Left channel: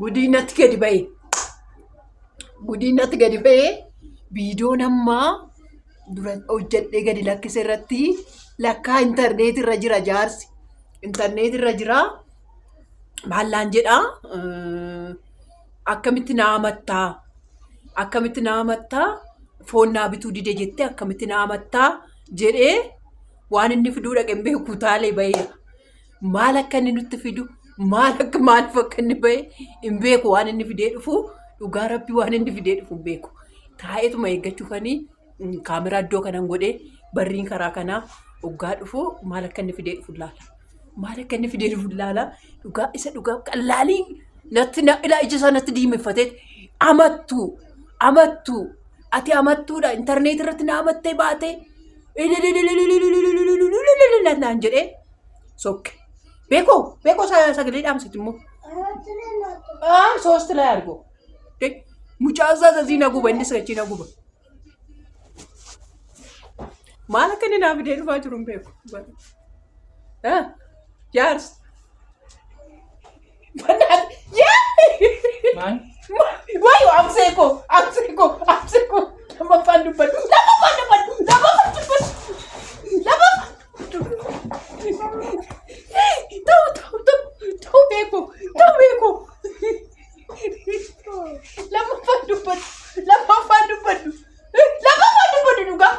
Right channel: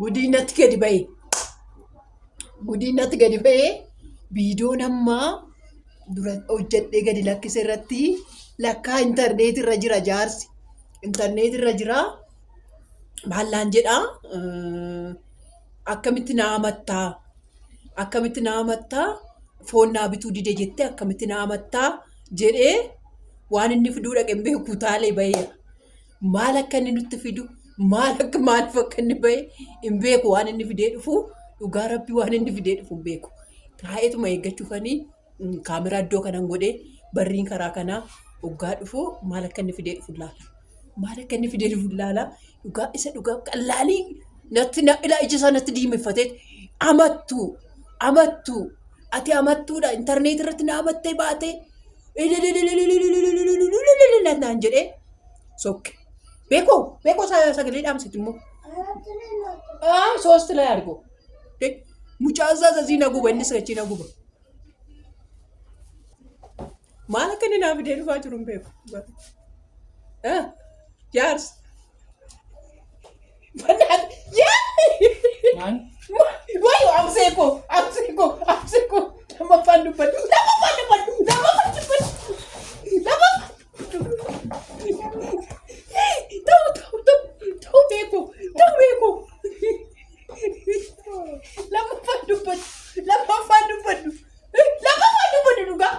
Gudiinatti gadi ba'e. Gudiinatti gadi ba'e viidiyoo namaa dura hojjedhee gadi lakkise irratti lakkaa intarneet irra jira jaarsi. Intarneet irra jira maallaan jedhaa akkamitti na amattaa? Akkamitti na amattaa? Foon naa bituu dide jettee akkamitti na amattaa? Jedhee waan inni fiduu dhaqeen beeku taalee ba'eera. Maal akka inni nutti fidu? Maaliif akka inni ba'e hin beeku waan inni fidee dhufu dhugaa rabbii waan inni fidee dhufu hin beeku. Taa'eetuma eeggachuufanii kaameraa iddoo kanan godhee barriin karaa kanaa hoggaa dhufu maal akka inni fidee dhufu ilaala. Maal akka inni fidee dhufu ilaala. Dhugaa isa dhugaa qallaalii natti ila ija isaa natti diimeffatee amattu ati amattuudha intarneet irratti na amattee baatee naan jedhee sokke. Beekoo sagalee dhaamsitti immoo. Soosti laa argu. Mucaa isaa asii na guba innis achi na guba. Maal akka inni naaf fidee dhufaa jiru hin beeku. Jaarsi. Maal? Waayu amseeko. Nama afaan dubbadhu. Ta'u beeku. Lama afaan dubbadhu dhugaa.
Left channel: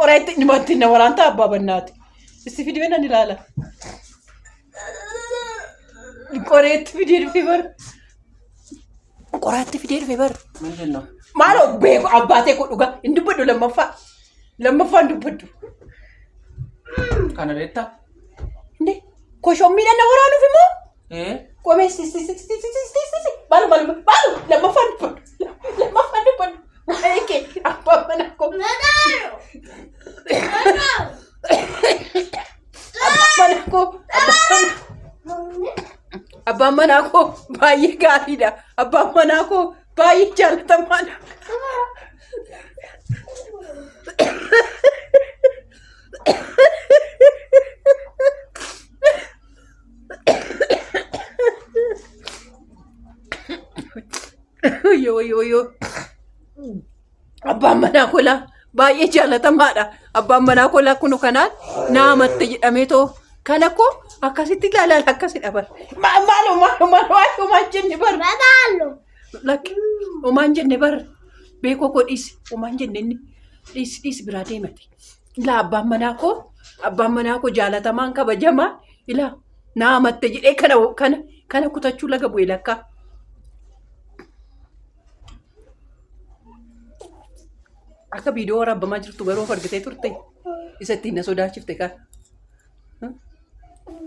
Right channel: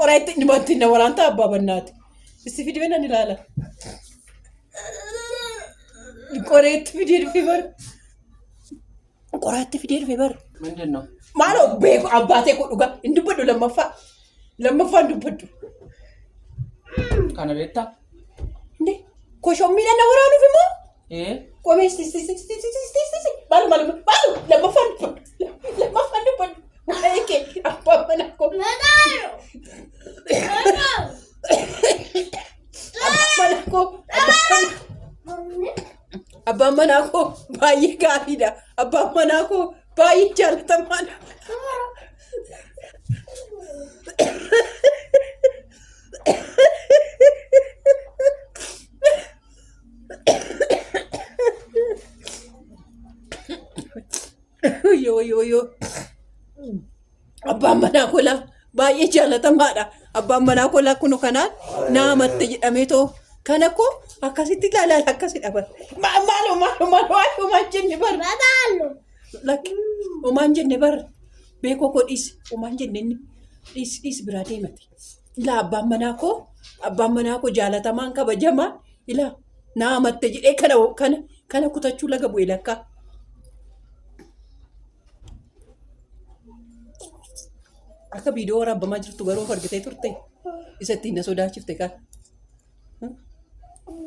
Qoreetti dhimatti na waraanta abbaa bannaati. Isti fidee nan ilaala. Qoreetti fidee dhufee bara. Qoraatti fidee dhufee bara. Maalidha? Maaloo beeku abbaatee kun dhugaa hin dubbadhu lammaffaan dubbadhu. Kana beektaa? Inde koshommiidhaan na waraanuuf immoo. Qomeessi maal lammaffaan dubbadhu. Maayikee abbaan manaa koo. Abbaan manaa koo baay'ee gaariidha. Abbaan manaa koo baay'ee jaalatamaadha. Yoo. Abbaan manaa koo baay'ee jaalatamaadha. Abbaan manaa koo kun kanaan na amatte jedhamee too kana koo akkasitti ilaalaan akkasidha bar. Maal jenne bar. Lakki homaan jenne bar. Beekoo koo dhiisi homaan jenne inni dhiisi biraa deemate. Ilaa abbaan manaa koo jaalatamaan kabajamaa ilaa na amatte jedhee kana kutachuu laga bu'e lakkaa. Akka viidiyoo waraabbamaa jirtu garuu of argitee turte isa ittiin na sodaachifte kan.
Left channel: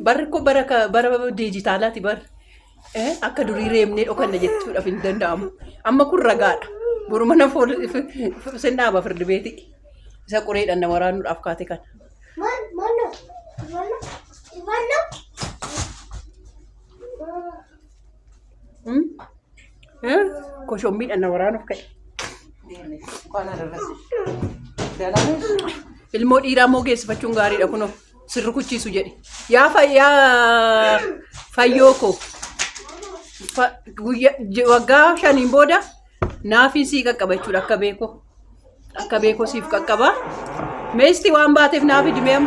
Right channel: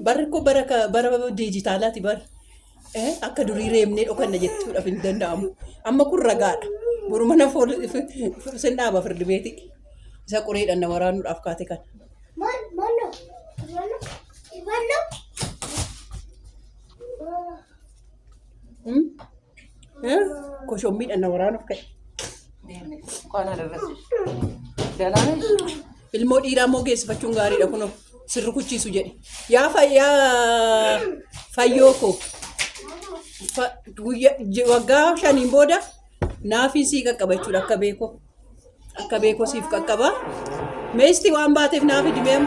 Barri koo bara diijitaalaati barri. Akka durii reemnee dhokanna jechuudhaaf hin danda'amu. Amma kun ragaadha. Boru mana sin dhaaba firdi beeti. Isa qoreedhaan na waraanuudhaaf kaate kan. Koshommiidhaan na waraanuuf ka'e. Ilmoo dhiiraa moo geessifachuun gaariidha kunoo sirri kuchiisu jedhe. Yaa fayyoo koo waggaa 5 booda naafii sii qaqqaba jechuudha akka beekoo siif qaqqaba. Meesti waan baateef naafi dimee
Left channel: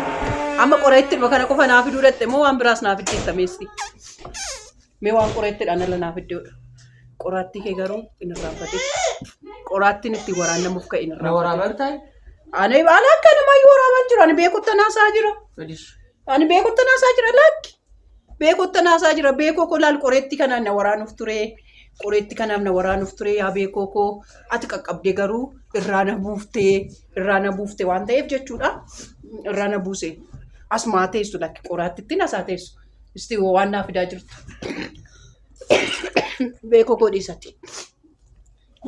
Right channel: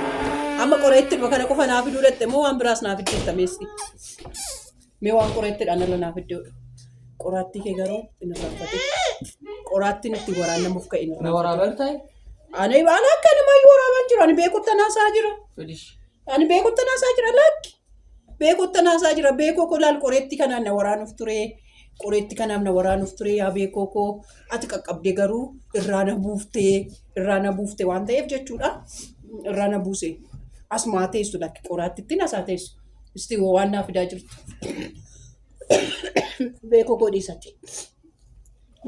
amma qoreetti kana qofa naafi duudhatte moo waan biraas naafi deetta meesti. Mee waan qoreettidhaan ala naafi deeudha. Qoraattii kee garuu hin irraanfate. Qoraattiin itti waraanamuuf ka'e hin irraanfate. Na waraabaa ta'e? Ani akka namaa waraaban jira. Ani beekutti naasaa jira. Ani beekutti naasaa jira lakki. Beekutti naasaa jira. Beekoo koo laal qoreetti kanaan na waraanuuf ture. Qoreetti kanaaf na waraanuuf ture. Yaa beekoo koo ati qaqqabdee garuu irraa na buufte waan ta'eef jechuudha. Irraa na buuse. Asumaa teessu lakki qoraattitti naasaa teessu. Isti waan naa fidaa jirtu. Beekoo godhiisatti.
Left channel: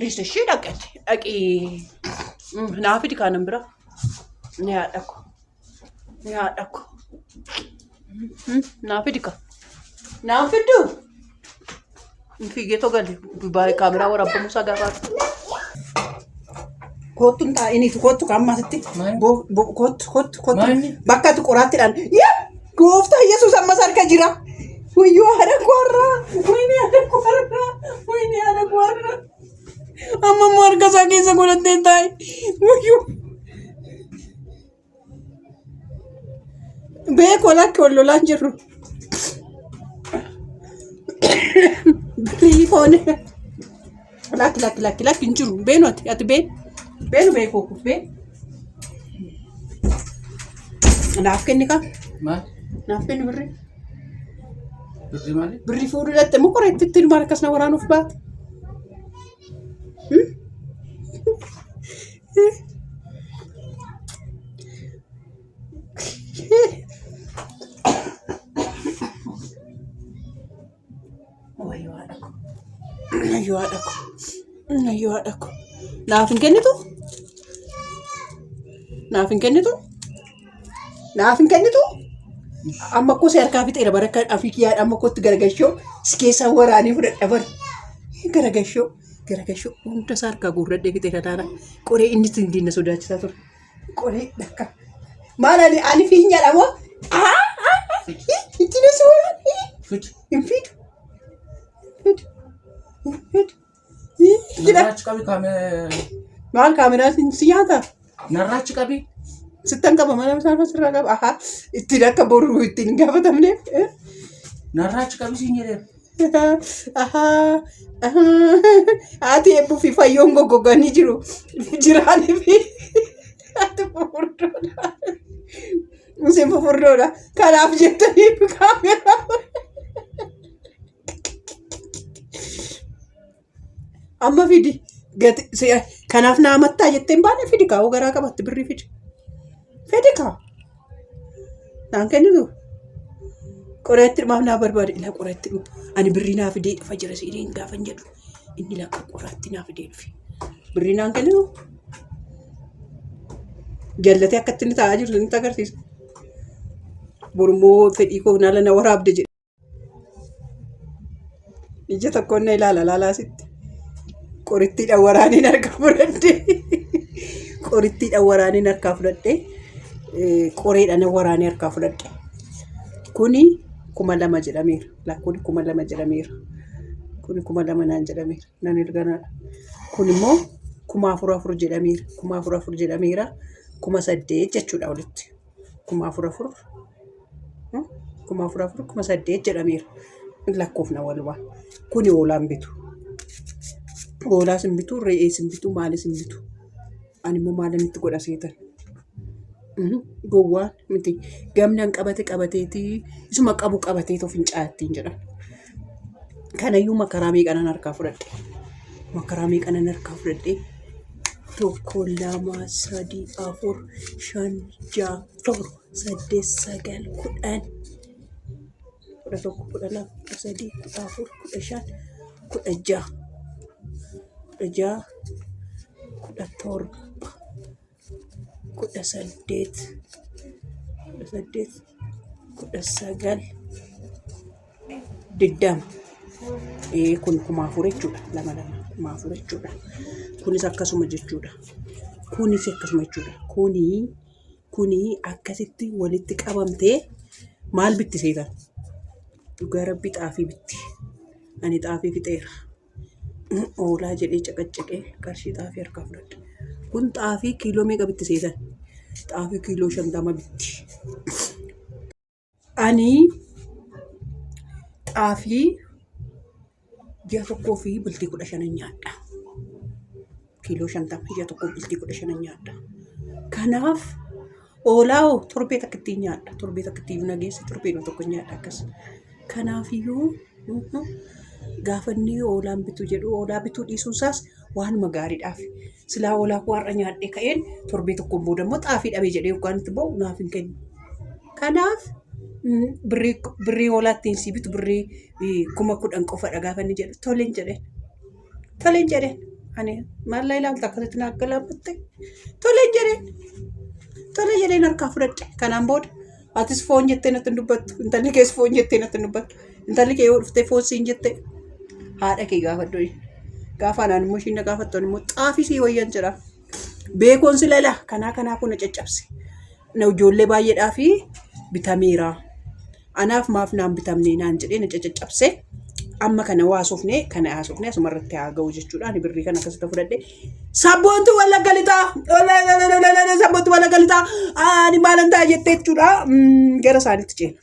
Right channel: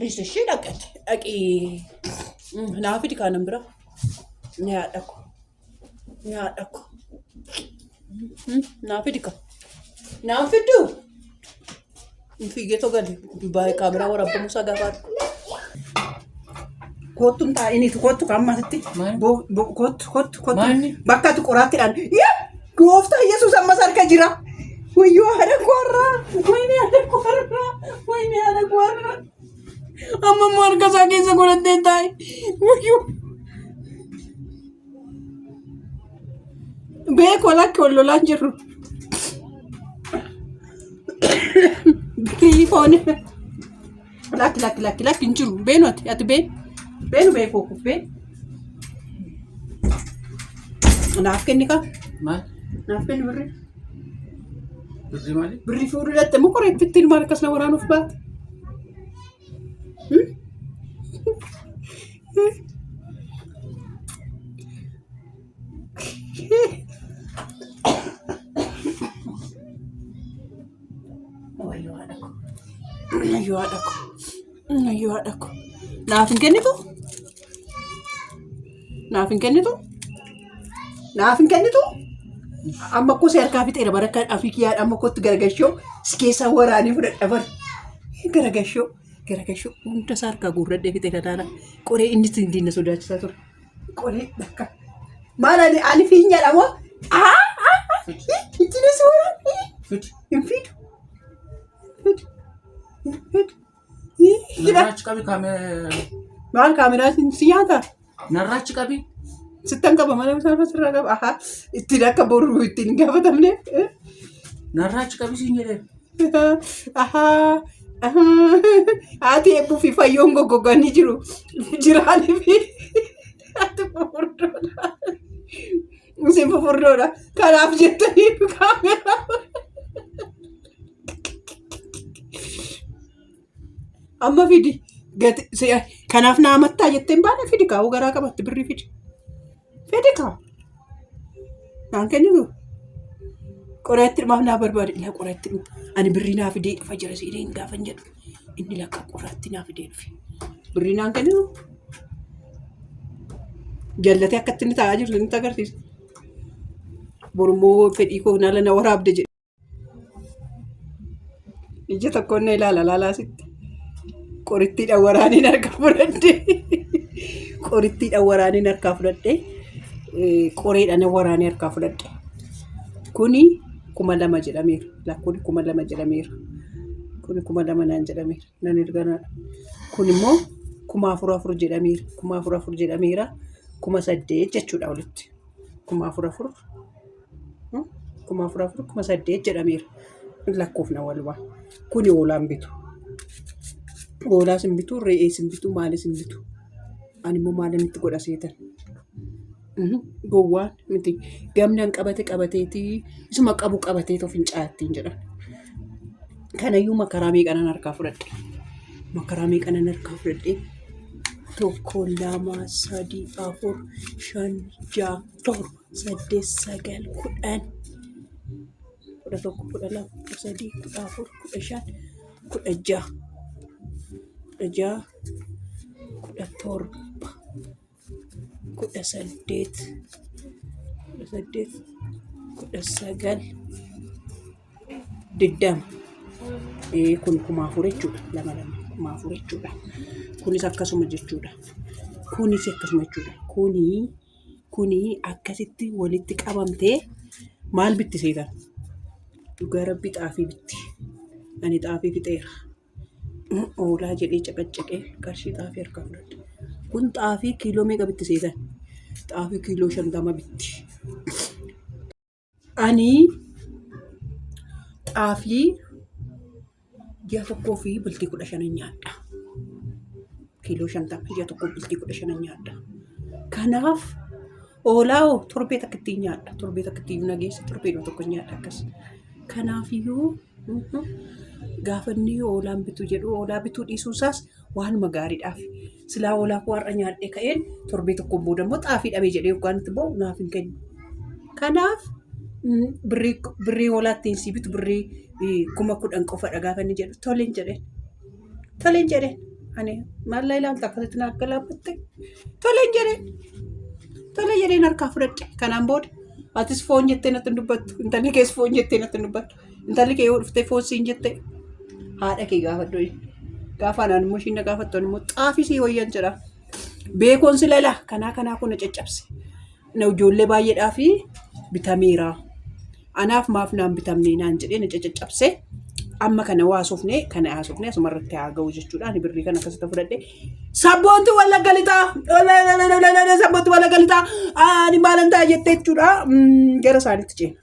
Riisa ishee dhaqi. Naaf fidi kanan bira. Ni haadha ko. Naaf fidi ka. Naaf fidu. Fiigee togali baay'ee kaameraa waraabbamuusaa gaafaatu. Kottuun taa'iniitu kottu kammasitti. Kottu. Bakka tu qoraattiidhaan. Gooftaa Yesuus ammas harka jira. Wayyoo haadha koorraa. Wayini haadha koorraa. Amma immoo harka isaa keessa godhattee taa'e. Wayyoo. Beekoo lakki wal lolaan jirru. Foone. Lakki hin jiru. Beenooti ati beekoo kubbee. Naaf kenni ka. Maal? Naaf kenni birrii. Birrii maali? Birrii fuudhuu dhatte moo qoree itti ilmaan akkasuma waraanuuf baate? Ayyoo haadha ko. Naaf hin kennitu? Amma koo si harkaa fixeera baraka afiikiyyaa amma kootti garagashoo si keessaa waraanii fudhadha bar. Garagashoo hunda isaa harkaa guurradhee fixeera taana. Qoree inni dindiina sodaachisaa ture. Qoree dhakka. Maal ani fiinyaadha moo? Itti na suuraa. Hin fidu. Narraachi qabi maal kaameraa si nyaata? Narraachi qabi. Sittan qaba mana isaa sirraa qaba. Ittiin akka boruu ittiin gaafatamne. Narraachi qabi siin jedhee. Haati eebbuu fi fayyoon goggoganii jiru. Jiraanii fi haati fufurdoodha. Museen fufurdoodha. Kanaaf jettanii kaameraa. Amma fidi kanaaf na amattaa jetteen baane fidi kaa'uu garaa qabatte birrii fidi. Fidi kaa. Naan kennitu. Qoreetti dhumaaf naa barbaade ilaa qoreetti dhufu. Ani birrii naa fidee dhufa jira siideen gaafan jedhu. Inni lakka qoraatti naa fidee dhufe. Birrii naan kennitu. Jallatee akkatti inni taa'aa jiru inni agarsiisa. Borummoo fedhii koo naala na waraabde jedhe. Ija tokkoon na ilaalaa sitti. Qorittiidhaan waraaniin harkaa fudhadhee. Qoreedhaan waraanii harkaa fudhadhe. Kuni 2,000 jedhameera. Lakkoon 2,000 jedhameera. Kuni 2,000 naan jedhameera. Nan erganaadha. Kun immoo 4,400 jedhameera. 4,400 jedhameera. 8,000 jechuudha walitti. 4,400. 8,000 jedhameera. Lakkoofna walumaa. Kuni oolaan bitu. Oolaa sin bitu, re'ee sin bitu, maali sin bitu. Ani immoo maalinitti godha seetan. Gowwaan miti gamnaan qabateeti isuma qabu qabatee too fincaattiin jedhan. Kanayyuu makaraa meeqanan harkaa fudhadhe. 1, 2, 3, 4, 5, 6, 7, 8, 9, 10. 11, 12, 13, 14, 15, 16, 17, 20. Kun 4,000 jechuudha. 2,000 jechuudha. Kunis akkasuma jechuudha. Kuni akkasitti walitti qabamtee maal bitti seetan? Dhugaa rabbi xaafii bitti. Ani xaafii fixeera. Oolaa jedhee caqaccaqee qarshii xaafii harkaa fudhadhe. Kun xaafii kiiloo meeqa bitti seetan? Xaafii kiiloo 50 bitti. Ani xaafii ji'a tokkoo fi bultii 15 nyaadha. Kiiloo 50 ji'a tokkoo bultii 15 nyaadha. Kanaaf oolaa torbee takka ittiin nyaadha. Torbee takka ittiin nageessa torbee tokko nyaadha akkas. Kanaafiyyuu gaafanni oolaan bituu jedhu oolaa bituu dhiisuusaas waanuma gaariidhaaf. Silaa oolaa koo har'a nyaadhee ka'een torbee tokkoon booda immoo xaafii dhabee jedhee yookaan itti bahu naaf hin kennu. Kanaaf birrii oolaa ittiin si bitu birrii 10,000 qofadha gaafa inni jedhu toleen jedheen. Ani maal ilaalta akkasitti naa galaafatte. Tole jedheen harkaa fudhadhe. Kanaan booda atis foon jettee natti hin dubbattu. Intalli kees foon jettee natti hin dubbattu. Intalli kee yoo dhuftee foon siin jettee haadha kee gaafadhu. Gaafa anaan immoo ishiin na gaafattu immoo xaafii sii wayyan jedha. Beekoon si lala kanaa kun na caccabse. Na ijoollee baay'eedhaa fi bitameera. Anaaf maaf naan bitamne naan jedhee na caccabse. Amma kana waasuufne kana haasuufne asumarratti haa ga'u jechuudhaan birrii kana akkasitti fudhadhe. Sabboonti walla galitaa. Sabboonti walla galitaa. Ani maalan ta'a jettee jechuudha. Gara isaaniitti ceena.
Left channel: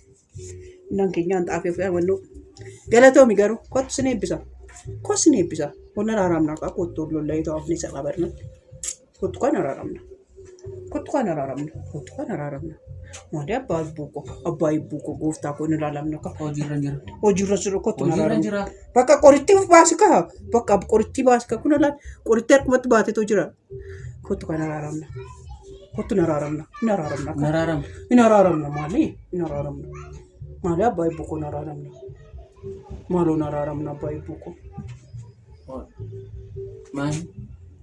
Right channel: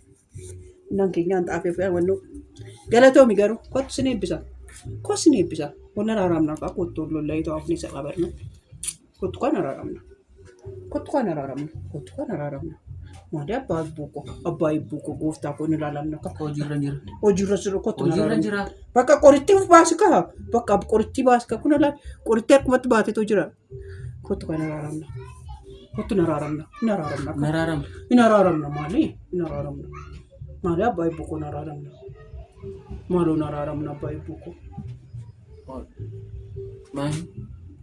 Nan keenyaan xaafee fi amannoo. Galatoomi garuu kottu sin eebbisa. Kottu sin eebbisa. Walla raaramna qaa kottu lollaa ta'u afni isa qabarna. Kottu kan raaramna. Kottu kan raaramna. Kottu kan raaramna. Maali abbaa ibbuuko gooftaa kun ilaalamna ka hojiirra jira. Hojiirra jiru kottu Hojiirra jira. bakka qoritti baasi ka bakka qoritti baasi ka kun ilaal qoritti akkumatti baatetu jira. Kottu kan raaramna. Kottu naraaramna. Naraaramna maali? Naraaramna. Maali abbaa ibbuuko naraaramna. Maaloo naraaramna abbaa ibbuuko. Maali?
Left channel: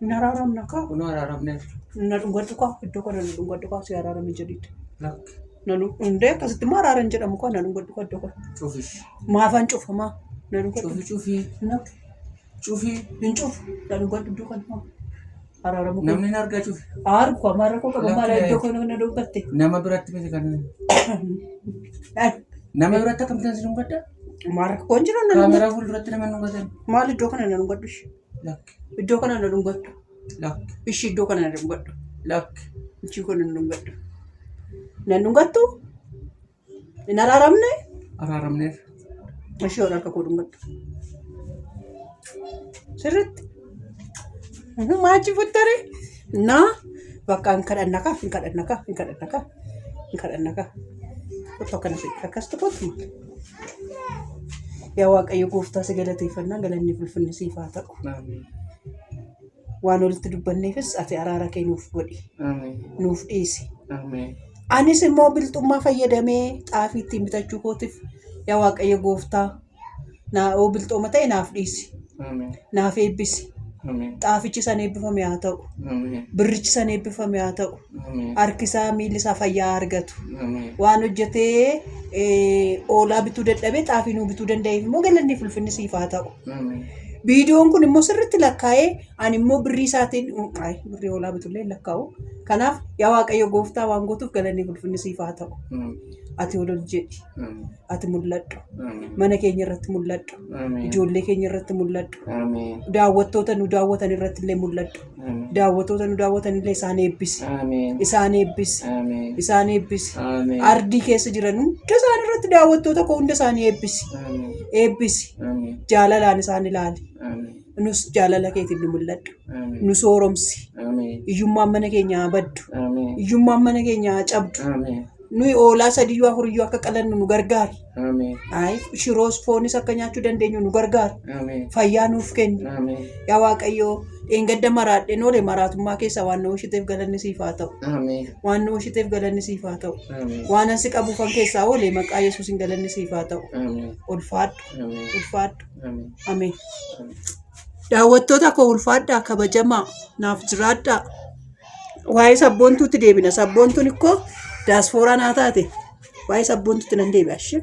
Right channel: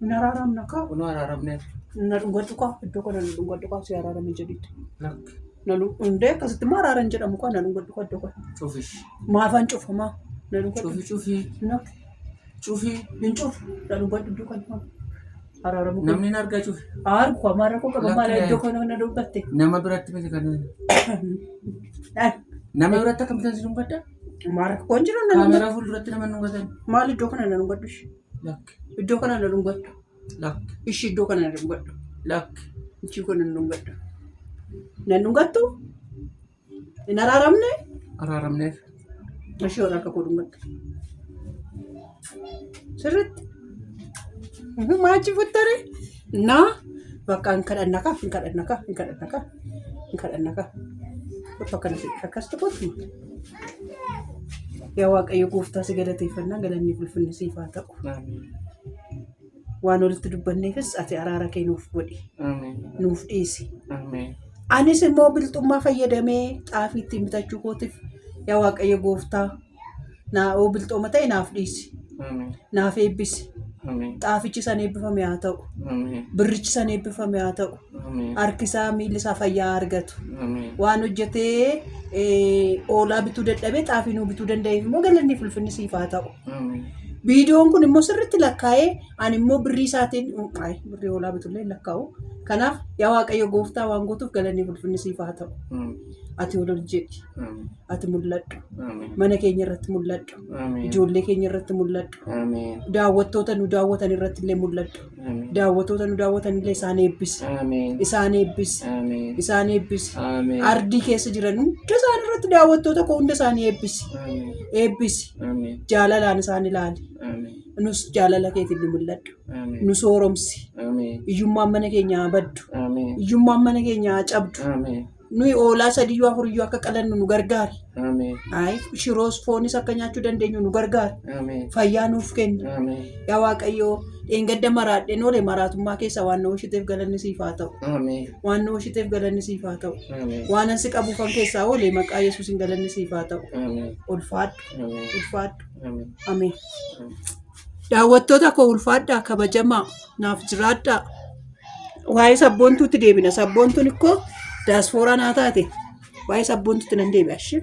Naraaramna ka. Kunoo araaramne. Na dhungatu ka iddoo kana na dhungatu ka si araaramne jedhitti. Lakki. Nanu hundee akkasitti immoo araaran jedhamu kan na dhungatu ka iddoo kana. Cufish. Maafaan cufamaa. Na dhungatu. Cufii. Nakki. Cufii. Hin cufu. Na dhungatu iddoo kana. Araaramu. Namni hin argaa cufi. Argu amara ko kan mara iddoo kana na dhungatte. Nama biratti miti kan. Nama biratti akkam bitan si dhungadda? Mara ko jira na. Kaameraa fuulduratti nama dhungatan. Maal iddoo kana na dhungaddu? Lakki. Iddoo kana na dhungaddu. Lakki. Ishi iddoo kana na dhungaddu. Lakki. Ichi kana na dhungaddu. Na dhungattu? Hin araaramne? Araaramneef. Ishi ora akka ko dhungaddu. Sirriitti. Maachi futtare? Na bakka hin kadhannaka. Kottu akkasitti kottu. Yaa Waaqayyo gooftaa si galateeffannaa galanni ulfinni siif haa ta'u. Waan walitti dubbanneefis ati araara kee nuuf godhi. Nuuf dhiisi. Anis immoo bilxummaa fayyadamee xaafii ittiin bitachuu kootiif yaa Waaqayyo gooftaa naa bilxuma ta'e naaf dhiisi. Naaf eebbisi. Xaafichi san eebbifame haa ta'u. Birrichi san eebbifame haa ta'u. Harkisaa miilli isaa fayyaa argatu. Waan hojjetee oolaa bituu dadhabee xaafii nuu bituu danda'eef immoo galanni ulfinni siif haa ta'u. Viidiyoon kun immoo sirriitti lakkaa'ee ani immoo birrii isaatiin birrii oolaa bitullee lakkaa'u. Kanaaf yaa Waaqayyo gooftaa waan gootuuf galanni ulfinni siif haa ta'u. Ati ol jedhi. Ati mul'adhu. Mana keenya irratti mul'adhu. Ijoollee keenya irratti mul'adhu. Daawwattoota nu daawwatan irratti illee mul'adhu. Daawwattoota nu daawwatan illee isaan eebbisi. Isaan eebbisi. Isaan eebbisi. Ardii keessa jiran hunda isaan irratti daawwattoota koo hunda isaanii eebbisi. Eebbisi. Jaalalaan isaan ilaali. Nus jaalala keetiin ni mul'adhu. Nu sooromsi. Iyyummaan mana keenyaa baddu. Iyyummaan mana keenyaa cabdu. Nuyi oolaa sadiyyuu afuriyyuu akka qalannu nu gargaari. Shiroos foonis akka nyaachuu dandeenyu nu gargaari. Fayyaa nuuf kenni. Yaa Waaqayyoo dheengadda maraadheen oole maraatummaa keessa waan nu oolchiteef galanni siif haa ta'u. Waan nu oolchiteef galanni siif haa ta'u. Waan ansi qabuufan keessaa oole maqaa Yesuusin galanni siif haa ta'u. Ulfaadhu. Ulfaadhu. Ameen. Daawwattoota koo ulfaadhaa kabajamaa naaf jiraadhaa. Waa'ee sabboontuutti deebina. Sabboontuun ikkoo daasfooraa naa taate waa'ee sabboontuutti nan deebi'ashi.